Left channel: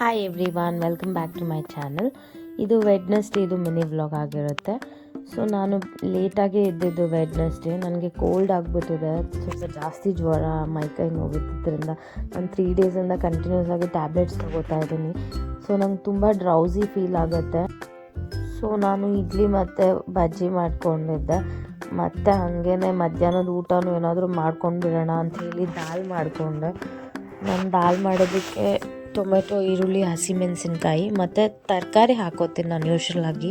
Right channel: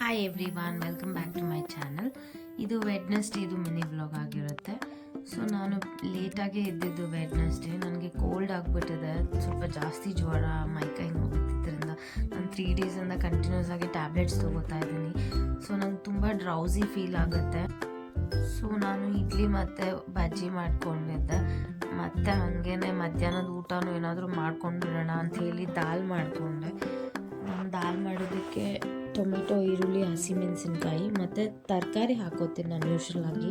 Hi everyone, welcome back to my channel. ಇದು Wednesday, ಇದು mini vlog ಆಗಿರುತ್ತೆ. So ನಾನು ಲೇಟಾಗೇ ಇದ್ದಿದ್ದು ವೆಡ್ನೆಸ್ಡೇ. ನನಗೆ ಕೋಲ್ಡ್ ಆಗಿಬಿಟ್ಟಿದೆ, ಸ್ವಲ್ಪ ಜಾಸ್ತಿ ಜ್ವರ, ಮೈಕೈ ನೋವಿದ್ದರಿಂದ ನಾನು 3 ಡೇಸಿಂದ ಕಂಟಿನ್ಯೂಸ್ ಆಗಿ ಟ್ಯಾಬ್ಲೆಟ್ಸ್ ತೊಗೋತಾ ಇದ್ದೀನಿ. ಸೊ ನಂಗೆ ತುಂಬ ಡ್ರೌಸಿ ಫೀಲ್ ಆಗುತ್ತೆ. ಸೊ ನಾನು ಇಡ್ಲಿ ಮತ್ತು ಬಜ್ಜಿ ಮಾಡ್ಕೊಂಡಿದ್ದೆ. ಮತ್ತು ಹಾಗೇ ಮಧ್ಯಾಹ್ನದ ಊಟನೂ ಏನಾದರೂ ಮಾಡ್ಕೊಂಡು ಬಿಡೋಣ ಅಂಥೇಳಿ ದಾಲ್ ಮಾಡಿಕೊಂಡೆ. ನಾನು ದಾಲ್ ಮಾಡೋದಕ್ಕೆ ಟೊಮೆಟೊ, ಈರುಳ್ಳಿ, ಹಸಿಮೆಣಸಿನ್ಕಾಯಿ ಮತ್ತು ತರಕಾರಿ ಹಾಕೋತೀನಿ ನಾನು ಯೂಶ್ವಲಾಗಿ.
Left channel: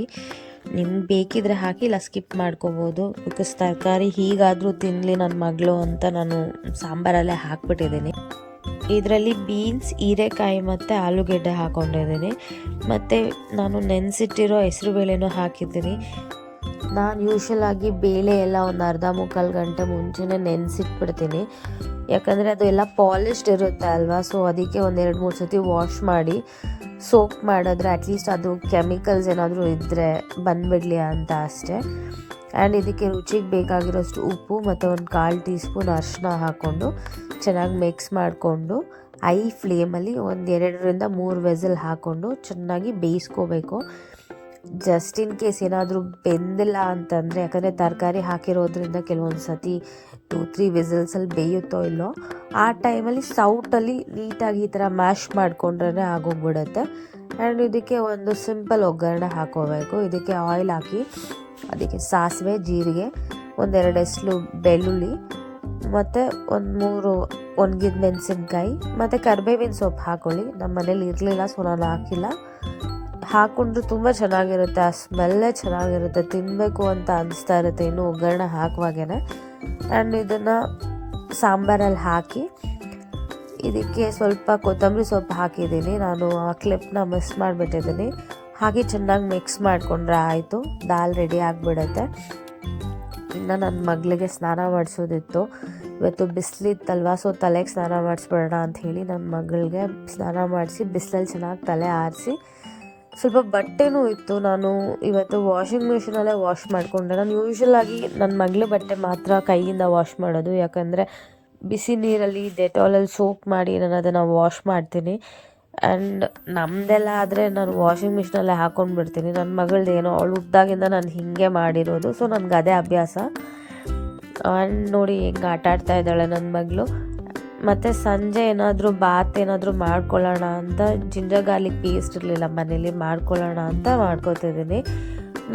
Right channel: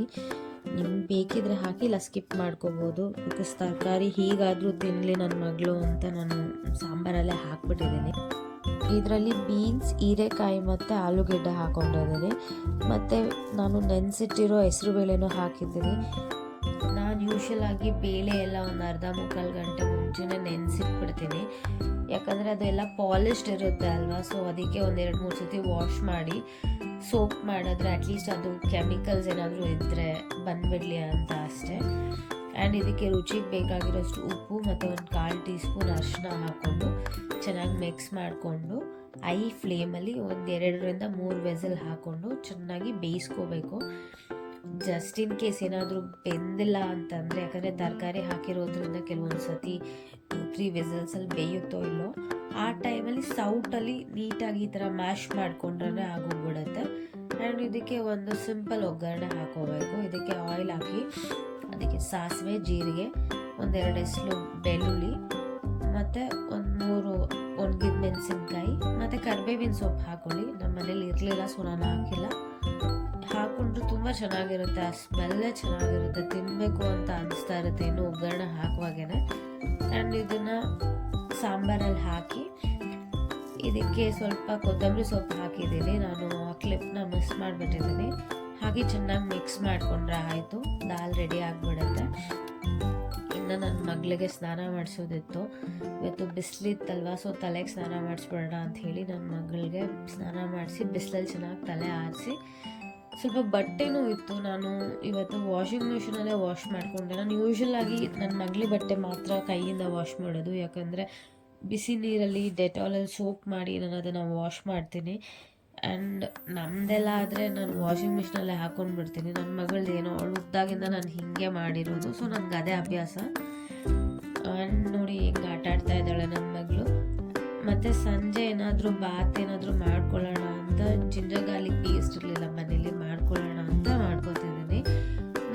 ನಿಮ್ಗೆ ಬೇಕಿದ್ರೆ ಹಾಕಿ, ಇಲ್ಲ ಸ್ಕಿಪ್ ಮಾಡ್ಕೋಬೋದು. ಬಿಕಾಸ್ ತರಕಾರಿ ಹೀಗಾದರೂ ತಿನ್ನಲಿ ನನ್ನ ಮಗಳು ಅಂತ ನಾನು ಸಾಂಬಾರಲ್ಲೇ ಹಾಕ್ಬಿಟ್ಟಿದ್ದೀನಿ. ಇದರಲ್ಲಿ ಬೀನ್ಸ್, ಹೀರೆಕಾಯಿ ಮತ್ತು ಆಲೂಗೆಡ್ಡೆ ಹಾಕ್ಕೊಂಡಿದ್ದೀನಿ. ಮತ್ತು ನಾನು ನೆನೆಸಿಟ್ಟಿರೋ ಹೆಸರುಬೇಳೆನೂ ಹಾಕಿದ್ದೀನಿ. ನಾನು ಯೂಶ್ವಲಾಗಿ ಬೇಳೆ ಎಲ್ಲ ಒಂದು ಅರ್ಧ ಮುಕ್ಕಾಲು ಗಂಟೆ ಮುಂಚೆನೇ ನೆನೆಸಿಟ್ಬಿಡ್ತೀನಿ. ಯಾಕಂದರೆ ಅದು ಎಲ್ಲ ಪಾಲಿಶ್ಡ್ ಇರುತ್ತೆ ಅಲ್ವಾ. ಸೊ ಅದಕ್ಕೆ 1-2-3 ಸತಿ ವಾಶ್ ಮಾಡಿ ಸೋಪ್ ಮಾಡಿದ್ರೆ ಅಟ್ಲೀಸ್ಟ್ ಅದು ಕೆಮಿಕಲ್ಸ್ ಏನಾದರೂ ಇದ್ದರೆ ಬಂದುಬಿಡಲಿ ಅಂತ ಅಷ್ಟೇ. ಆ್ಯಂಡ್ ಇದಕ್ಕೆ ರುಚಿಗೆ ಬೇಕಾಗಿರೋಷ್ಟು ಉಪ್ಪು ಮತ್ತು 1/4 ಟೀ ಸ್ಪೂನ್ ಅರಿಶಿನ ಹಾಕ್ಕೊಂಡು ಚೆನ್ನಾಗಿ ಮಿಕ್ಸ್ ಮಾಡಿಕೊಂಡು ಐ ಫ್ಲೇಮಲ್ಲಿ 2-3 ವೆಸಲ್ ಹಾಕ್ಕೊಂಡು ಚೆನ್ನಾಗಿ ಬೇಯಿಸ್ಕೋಬೇಕು. ಜಸ್ಟ್ ಇನ್ ಕೇಸ್ ಏನಾದರೂ ಬೆಂದಿಲ್ಲ ಅಂತಂದರೆ, ಯಾಕಂದರೆ ತರಕಾರಿ ಹಾಕಿರೋದ್ರಿಂದ ಕೆಲವೊಂದು ಸತಿ 2-3 ವಿಸಲ್ಸಲ್ಲಿ ಬೇಯುತ್ತೋ ಇಲ್ಲೋ, ಆ ಟೈಮಲ್ಲಿ ಸೌಟಲ್ಲಿ ನೀಟಾಗಿ ಈ ಥರ ಮ್ಯಾಶ್ ಮಾಡಿಕೊಂಡ್ರೆ ಆಗೋಗ್ಬಿಡುತ್ತೆ. ಆ್ಯಂಡ್ ಇದಕ್ಕೆ ಒಂದು ಸಿಂಪಲ್ ಒಗ್ಗರಣೆ ಹಾಕೋಬೇಕು. ಇದಕ್ಕೆ ಆಯಿಲ್ ಹಾಕಿ, ಅದಕ್ಕೆ ಸಾಸಿವೆ, ಜೀರಿಗೆ, 1-2 ಎಸ್ಲು ಬೆಳ್ಳುಳ್ಳಿ ಮತ್ತು 1-3 ಒಣಗಿದ ಮೆಣಸಿನ್ಕಾಯಿ ಮತ್ತು ಕರಿಬೇವಿನ ಸೊಪ್ಪು ಹಾಕ್ಕೊಳ್ಳಿ. ನಮ್ಮ ಮನೇಲಿ ಇರಲಿಲ್ಲ, ಸೊ ನಾನು ಹಾಕಿಲ್ಲ. ಹಾಕ್ಕೊಂಡ್ರು ತುಂಬ ಚೆನ್ನಾಗಿರುತ್ತೆ, ಆ ಸ್ಮೆಲ್ಲೇ ಚೆನ್ನಾಗಿರುತ್ತೆ, ತಿನ್ನಬೇಕು ಅಂತ ಅನಿಸ್ತಾ ಇರುತ್ತೆ ಇನ್ನು ಒಗ್ಗರಣೆ ಹಾಕುವಾಗೇ. ಆ್ಯಂಡ್ ಇದನ್ನು ಸಾಂಬಾರಲ್ಲಿ ಹಾಕಿ ಇದಕ್ಕೆ ಸ್ವಲ್ಪ ಕೊತ್ತಂಬರಿ ಸೊಪ್ಪು ಹಾಕಿದ್ದೀನಿ. ನಾನು ಆ ಕ್ಲಿಪ್ನ ಮಿಸ್ ಮಾಡಿಬಿಟ್ಟಿದ್ದೀನಿ. ಹಾಗೆ ಚೆನ್ನಾಗಿ ಮಿಕ್ಸ್ ಮಾಡಿಕೊಂಡ್ರೆ ಆಯಿತು, ದಾಲ್ ರೆಡಿ ಆಗಿಬಿಡುತ್ತೆ. ಇನ್ನು ನನ್ನ ಮಗಳಿಗೆ ಸ್ನಾನ ಮಾಡಿಸೋದಿತ್ತು. ಇವತ್ತು ಬಿಸಿಲಿತ್ತಲ್ವ, ಸೊ ತಲೆಗೆ ಸ್ನಾನ ಮಾಡಿಸ್ಬಿಡೋಣ ಅಂಥೇಳಿ ನನ್ನ ಮಗಳಿಗೆ ಸ್ನಾನ ಮಾಡಿಸಿ ಬಿಸಿಲಲ್ಲಿ ಚೆನ್ನಾಗಿ ತಲೆ ಆರಿಸಿ, ಸ್ವಲ್ಪ ಬಟ್ಟೆನೂ ಇತ್ತು. ನಾನು ಇವತ್ತು ವಾಷಿಂಗ್ ಮಿಷಿನಲ್ಲೇ ವಾಶ್ ಮಾಡಿಕೊಂಡೆ. ನಾನು ಯೂಶ್ವಲಾಗಿ ನನ್ನ ಮಗಳ ಬಟ್ಟೆ ಮಾತ್ರ ಕೈಯಿಂದ ವಾಶ್ ಮಾಡೋದು, ಯಾಕಂದರೆ ಬಿಸಿ ನೀರಲ್ಲಿ ಡೆಟಾಲಲ್ಲಿ ಸೋಪ್ ಮಾಡಿ ನಾನು ಅದನ್ನು ವಾಶ್ ಮಾಡ್ತೀನಿ. ಆ್ಯಂಡ್ ನಮ್ಮದೆಲ್ಲ ಆದರೆ ನಾನು ವಾಷಿಂಗ್ ಮಿಷಿನಲ್ಲೇ ಹಾಕ್ಕೊಂಡ್ಬಿಡ್ತೀನಿ. ನನ್ನ ಮಗಳದ್ದು ಏನೋ ಅವಳು ಹುಟ್ಟಿದಾಗಿಂದ ನಾನು ಹೀಗೆ ಮಾಡಿರೋದು, ಸೊ ನನಗೆ ಅದೇ ಅಭ್ಯಾಸ. ಆ್ಯಂಡ್ ನೋಡಿ ಹೆಂಗೆ ಆಟ ಆಡ್ತಾ ಇದ್ದಾಳೆ ನನ್ನ ಮಗಳು. ಮತ್ತು ಸಂಜೆ ಏನಾದರೂ ಬಾತ್ ಏನಾದರೂ ಮಾಡ್ಕೊಳ್ಳೋಣ ಅಂತ, ಜಿಂಜರ್ ಗಾರ್ಲಿಕ್ ಪೇಸ್ಟ್ ಇರಲಿಲ್ಲ ಮನೇಲಿ, ಮಾಡ್ಕೊಳ್ಳೋಣ ಅಂತ ಮಾಡ್ಕೊತಿದ್ದೀನಿ.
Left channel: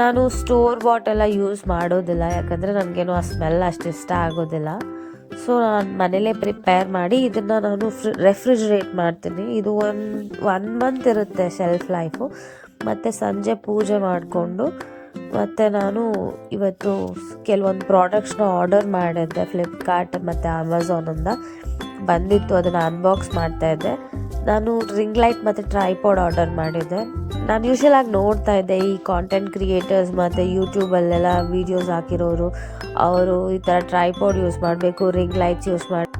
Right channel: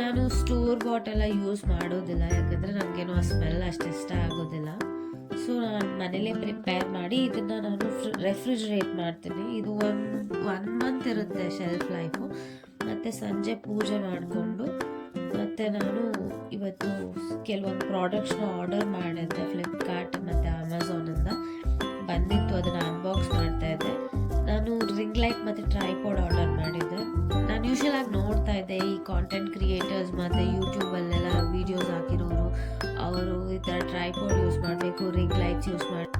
ನಾನು ಸ್ಟೋರ್ ಬಾಟೆಲ್ಲ ಯೂಸ್ ಮಾಡೋದಿಲ್ಲ, ಯಾಕಂದರೆ ನನಗೇನು ಆ ಸ್ಮೆಲ್ ಅಷ್ಟು ಇಷ್ಟ ಆಗೋದಿಲ್ಲ. ಸೊ ನಾನು ಮನೇಲೇ ಪ್ರಿಪೇರ್ ಮಾಡಿ ಇದನ್ನು ನಾನು ರೆಫ್ರಿಜ್ರೇಟ್ ಮಾಡ್ತೀನಿ. ಇದು ಒನ್ ಮಂತ್ ಇರುತ್ತೆ ಶೆಲ್ಫ್ ಲೈಫು. ಮತ್ತು ಸಂಜೆ ಪೂಜೆ ಮಾಡಿಕೊಂಡು, ಮತ್ತು ನಾನು ಇವತ್ತು ಕೆಲವೊಂದು ಪ್ರಾಡಕ್ಟ್ಸ್ನ ಆರ್ಡರ್ ಮಾಡಿದ್ದೆ ಫ್ಲಿಪ್ಕಾರ್ಟ್ ಮತ್ತು ಅಮೆಝಾನಿಂದ ಬಂದಿತ್ತು, ಅದನ್ನು ಅನ್ಬಾಕ್ಸ್ ಮಾಡ್ತಾಯಿದ್ದೆ. ನಾನು ರಿಂಗ್ ಲೈಟ್ ಮತ್ತು ಟ್ರೈಪಾಡ್ ಆರ್ಡರ್ ಮಾಡಿದ್ದೆ. ನಾನು ಯೂಶ್ವಲಾಗಿ ನೋಡ್ತಾ ಇದ್ದೆ ಈ ಕಾಂಟೆಂಟ್ ಕ್ರಿಯೇಟರ್ಸ್ ಮತ್ತು ಯೂಟ್ಯೂಬಲ್ಲೆಲ್ಲ ವೀಡಿಯೋಸ್ ಹಾಕಿರೋರು, ಅವರು ಈ ಥರ ಟ್ರೈಪಾಡ್ ಯೂಸ್ ಮಾಡಬೇಕು, ರಿಂಗ್ ಲೈಟ್ಸ್ ಯೂಸ್ ಮಾಡಿ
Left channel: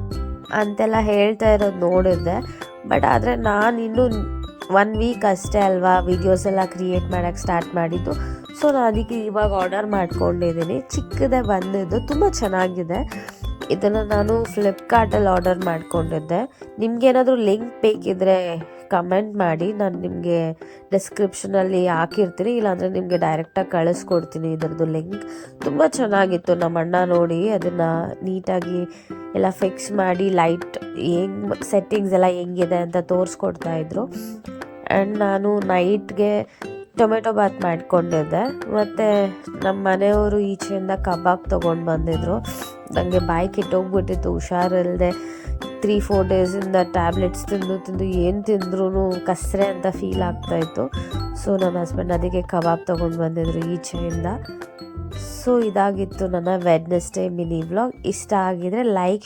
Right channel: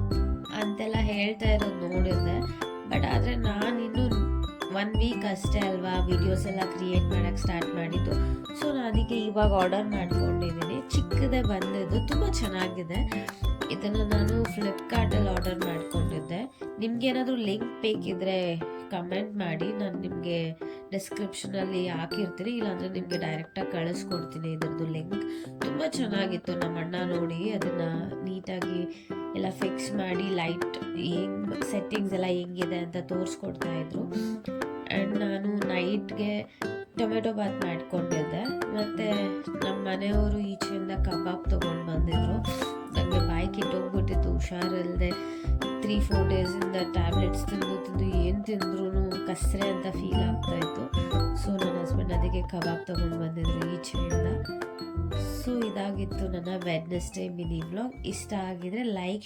ಅಂತೆಲ್ಲ ಹೇಳ್ತಾ ಇರೋದು ನೋಡಿದ್ದೆ. ಬಟ್ ಆದರೆ ನಾನು ಇನ್ನೂ 1 ವೀಕ್ ಅಷ್ಟೇ ಅಲ್ವಾ ವೀಡಿಯೋಸ್ ಎಲ್ಲ ಕ್ರಿಯೇಟ್ ಮಾಡೋಕ್ಕೆ ಸ್ಟಾರ್ಟ್ ಮಾಡಿದ್ದು. ಸೊ ನಾನು ಅದಕ್ಕೆ ಇವಾಗ ಆರ್ಡರ್ ಮಾಡ್ಕೊಂಡಿದ್ದೀನಿ. ಚಿಕ್ಕದೇ ಬಂದಿದ್ದು, ತುಂಬ ಚೆನ್ನಾಗಿದೆ. ಇದನ್ನು ನಾನು ಫ್ಲಿಪ್ಕಾರ್ಟಲ್ಲಿ ಆರ್ಡರ್ ಮಾಡ್ಕೊಂಡಿದ್ದೆ. ನಿಮಗೇನಾದರೂ ಲಿಂಕ್ ಬೇಕಿದ್ದರೆ ಕಮೆಂಟ್ ಮಾಡಿ, ನಾನು ನಿಮಗೆ ಡಿಸ್ಕ್ರಿಪ್ಷನಲ್ಲಿ ಹಾಕಿರ್ತೀನಿ, ಇಲ್ಲಾಂದರೆ ನಿಮಗೆ ಡೈರೆಕ್ಟಾಗಿ ಕಳಿಸ್ಕೊಡ್ತೀನಿ ಇದರದ್ದು ಲಿಂಕ್. ತುಂಬ ಚೆನ್ನಾಗಿತ್ತು. ನಮ್ಮ ಅಣ್ಣ ನೋಡಿ ಅದನ್ನು ನೀಟಾಗಿ ಎಲ್ಲ ಫಿಕ್ಸ್ ಮಾಡಿ, ಲೈಟ್ ಹೆಂಗೆ ಸೆಟ್ಟಿಂಗ್ಸ್ ಎಲ್ಲ ಹೆಂಗಿದೆ ಅಂತ ತೋರಿಸ್ಕೊಡ್ತಾಯಿದ್ರು. ಆ್ಯಂಡ್ ನಾನು ನೈಟ್ಗೆ ಟೊಮೆಟೊ ಬಾತ್ ಮಾಡ್ಕೊಂಡಿದ್ದೆ. ಮತ್ತು ನಮ್ಮ ಮನೆಯವರು ಈಚೆಯಿಂದ ಕಬಾಬ್ ತೊಗೊಂಡು ಬಂದಿದ್ದರು. ನನಗೆ ಬಾಯಿ ಕೆಟ್ಟೋಗ್ಬಿಟ್ಟಿತ್ತು, ಹುಷಾರಿಲ್ಲದೆ 3-4 ಡೇಸಿಂದ ಟ್ಯಾಬ್ಲೆಟ್ಸ್ ತಿಂದು ಏನು ತಿಂದ್ರೂ ಕಸರೆ ಅಂತ ಫೀಲ್ ಆಗ್ತಾಯಿತ್ತು. ಸೊ ನನ್ನ ಹಸ್ಬೆಂಡ್ ಅದಕ್ಕೆ ಕಬಾಬ್ ತೊಗೊಂಡು ಬಂದಿದ್ರು ಈಚೆಯಿಂದ. ಸೊ ಇದಾಗಿತ್ತು ನನ್ನ ವೆಡ್ನೆಸ್ಡೇ ಮಿನಿ ವ್ಲಾಗ್. ಇಷ್ಟ ಆಗಿದರೆ ಲೈಕ್